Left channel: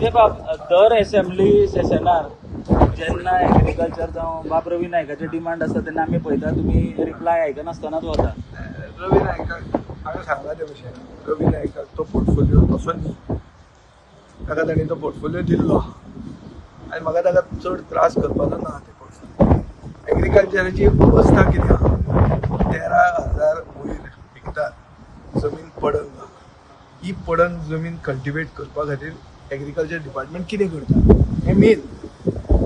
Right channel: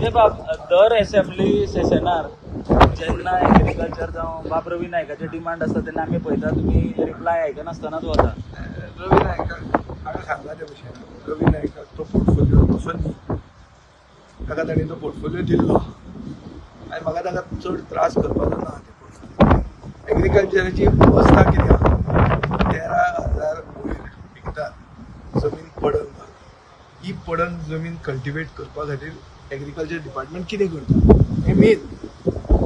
म्हणजे दर असेंब्ली सेशनात जेन्ना एग्रीकल्चर जावं बाब रवी नायकाचे डिमांड आसता तेन्ना आमी पळयता तुमी रिप्लाय आयकनासतनाच वता. रवी नायकाक हांवें सांगला ते भशेन रवी नायकाक तो पोर्टफोलिओ तसो न्ही, ताका ताणें तो पोर्टफोलिओ दिल्लो आनी म्हाका ताका चड त्रास करपाचो ना. ते पोर्टफोलिओ एग्रीकल्चराची अवस्था कितें आहा, 13,000 वयर हेक्टर जमीन पडंग आहा. ही पडंग जमीन कल्टिवेट करपा खातीर एग्रीकल्चर डिपार्टमेंट कितें करता हें मेन.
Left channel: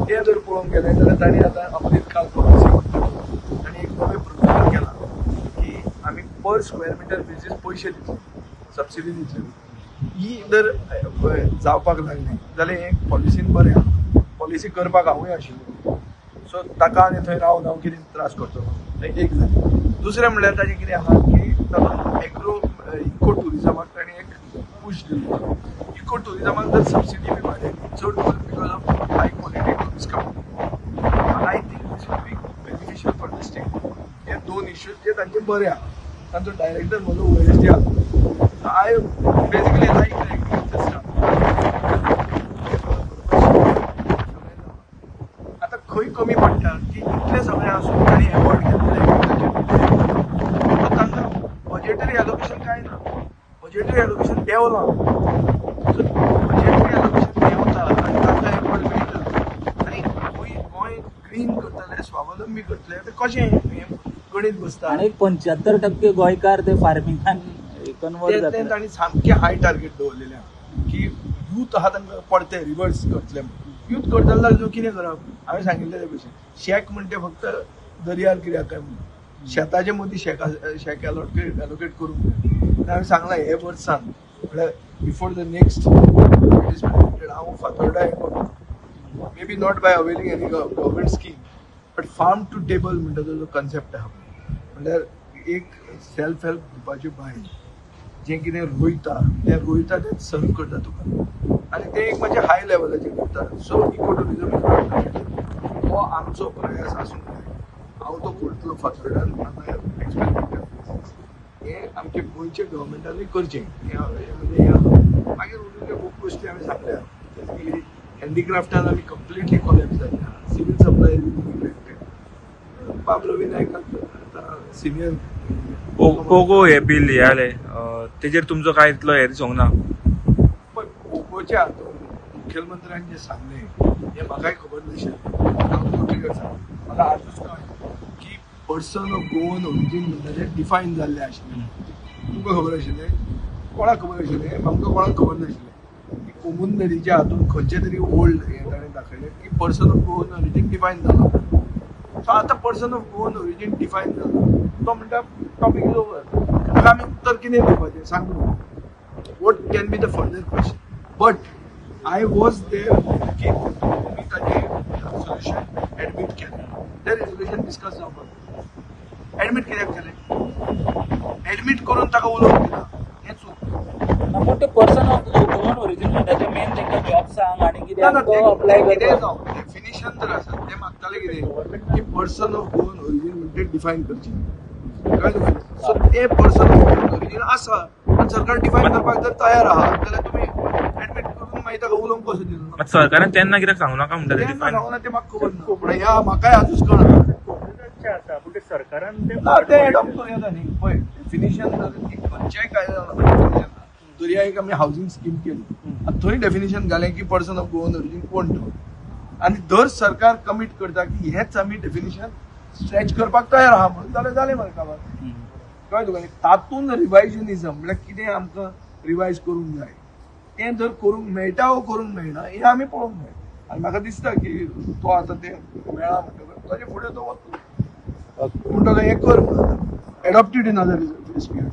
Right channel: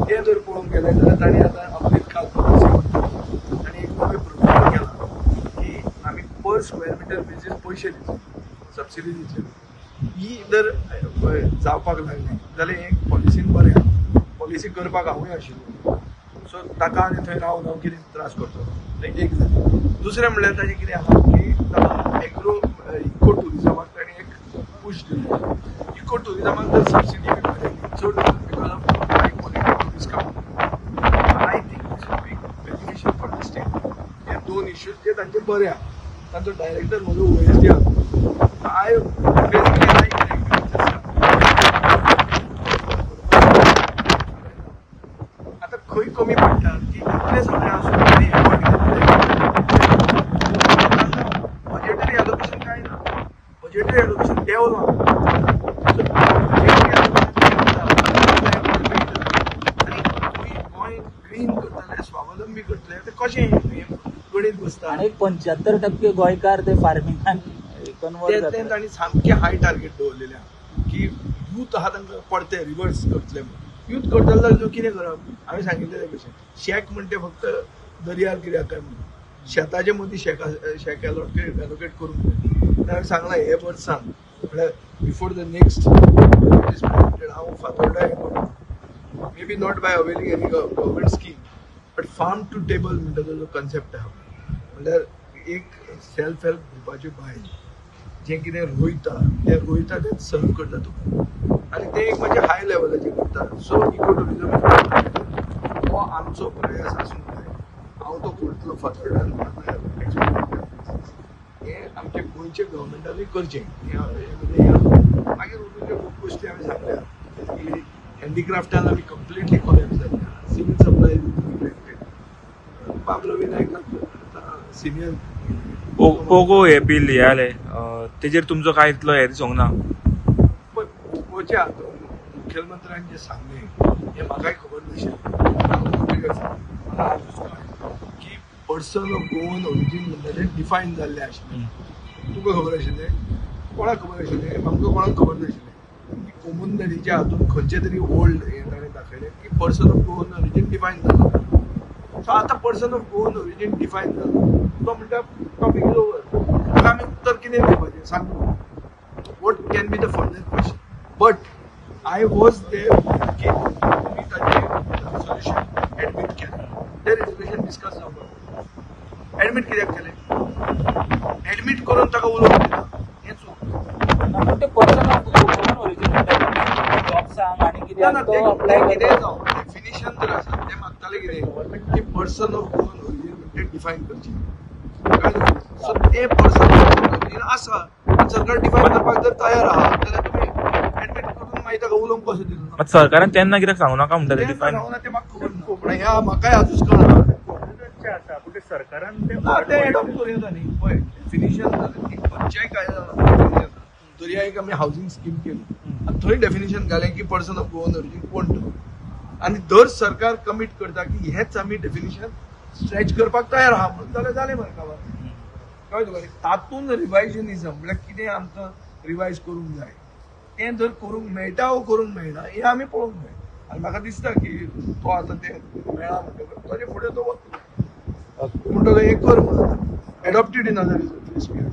तें जर पळोवंक गेलें जाल्यार ताणें आतां अमरीत काल ताणें एक नवें प्रोग्राम केला की आमी पर स्क्वेअर मिटर बेजीस पयशे दितले, सबसिडी दितले. ही जर जावपाक लागलें जाल्यार हें पॉलिसीन बरें आहा. पॉलिसी करपाक हांवूय आशिल्लो, सो ताका आनी थंय रावन हांव कितें त्रास करचो ना. एक जालें. दुसरें म्हणल्यार ताजें कितें आहा की ताका इको टुरिजमाक ताणें एक पूश दिल्लो. इको टुरिजमाक जर सबसिडी बी वाडयली चड because of high quality tourist come, I think this would be beneficial for the state. हे दोन इश्यूज जे तांचे बरे आहा. तांचो डायरेक्टर म्हजो OSD आसा. आय बेसिकली लायक आतां खंय कमी पडटा की इतले सगळे आसून तांणी एफर्ट घेतले. तांकां बजेटरी एलोकेशन कांय ना. Budgetary allocation देंवलां. ग्रीन करतले, स्वावलंबी करतले, ते कशें गणीत बसता. आनी 75% गोंयकार ते फार्मिंगान ते तांणी सामके हाय टार्गेट दवरलेले आहा की यूथ आहा तांकां पडते रिवर्स करतले म्हणून. यूथ करतले जाल्यार कितें करप. हांवें सांगिल्लें ते भशेन शेक म्हणटे फक्त दर्यार कित्याक काय म्हणून शेताचे मदीं शेक एलोकेट करूंक जाय. हांवें सांगलां हे वर्सान म्हळ्यार बिफोर द नेक्स्ट हांव फातोर्डा हें करता. maybe not by availing any government scheme, but farm to table म्हणटा जो कन्सेप्ट आहा म्हणल्यार एक सेल्फ हेल्प ग्रुपाची बायल जें कितें रोयता तें सर्व करता तुका आनी तें एक म्हणजे हाय लेवलाचेर करता. सो इको टुरिजम हो आमचो प्रयास आसूंक जाय. हांव तो करतलो फातोर्डान. हें आमचे गोंयचे गव्हर्मेंटानूय करचें. म्हणजे मागीर उरिल्ल्यो खूब गोश्टी हांवें सांगल्या. बेसिकली हँडीक्राफ्टान आमी कंप्लिटली कॉलेप्स जाल्ल्या. Civil supply affected. बाब रवी नायकाक सिनियर पोगो हे बिल हे जालें तेजेर तुमचो कांय इतलो हे दिसोंक ना. पण पोगोच्या हातूंत मुखेलमंत्र्यान जें सांगलें हें म्हाकाय खबर नाशिल्लें. म्हाका आजूच कळ्ळें की पर्सन ऑफ गोवन ओरिजीन म्हणटा तें डिफायन जाल्लें आशिल्लें. तुका खबर आशिल्लें, कोणाक खबर आशिल्लें, आमकां कोणाक खबर नाशिल्लें. कोमून नदीच्या हातूंत खंयचे तरी ओल्ड हें ताणें दाखयलें की person of Goan origin define जाला. सो आतां person of Goan origin define जाला तो म्हणटा टॉपीक इज ओवर. ताका आमी उत्तर कितें दिवपाचें सांग. What can be the further question. But I was there की तुमी ताचें सोल्युशन एडमीट केलें. तें रिजोल्युशन डिस्कस जावपाक एडमीट कित्याक केलें. एडमीट करून ताका उलोवंक दिता हें चूक. ना तें कितें जावं डेफिनेशन जर आसा तें मागतालें कितें की पर्सन ऑफ गोवन ओरिजीन म्हणटा डिफायन करचें. सो तें पर्सन ऑफ गोवन ओरिजीन आसा आनी सरकार डिफायन करपाक जर तयार आहा जाल्यार तुमी एडमीट करून मागीर ताका उलोवंक कशें दिलो. सरकारान तेन्ना कित्याक सांगूं नाका म्हणटा तें म्हाका खबर ना. पूण ह्या म्हाकाय आजूच कळना. सरकारान तें एडॉप्ट करूं येता न्ही. पळय डेफिनेशन खंयच्याय कायद्यान दर्या एक आमी हावजींग स्कीम केली. थंय डेफिनेशन घालें की पर्सन ऑफ गोवन ओरिजीन कोण तो. आनी दर सरकार कमीट करता की हेच आमी डेफिनेशन स्ट्रेच करपाक तयार आहा म्हणून जाल्यार जालें मरे काबार. कळ्ळें तुका. तातूंत रिवायजनिजम म्हळ्यार कितें आमकां रिवायज करूंक जाय तें जर करूंक मेळटा वो करूंक मेळना हें आमी पळोवंक जाय. आनी म्हाका दिसता की तो आतां तें मेळ्ळा म्हणटकच ताचे फुडें तो वतलो. पूण ताका हें कर म्हणून एडॉप्टेड इन अदर स्पिरिट.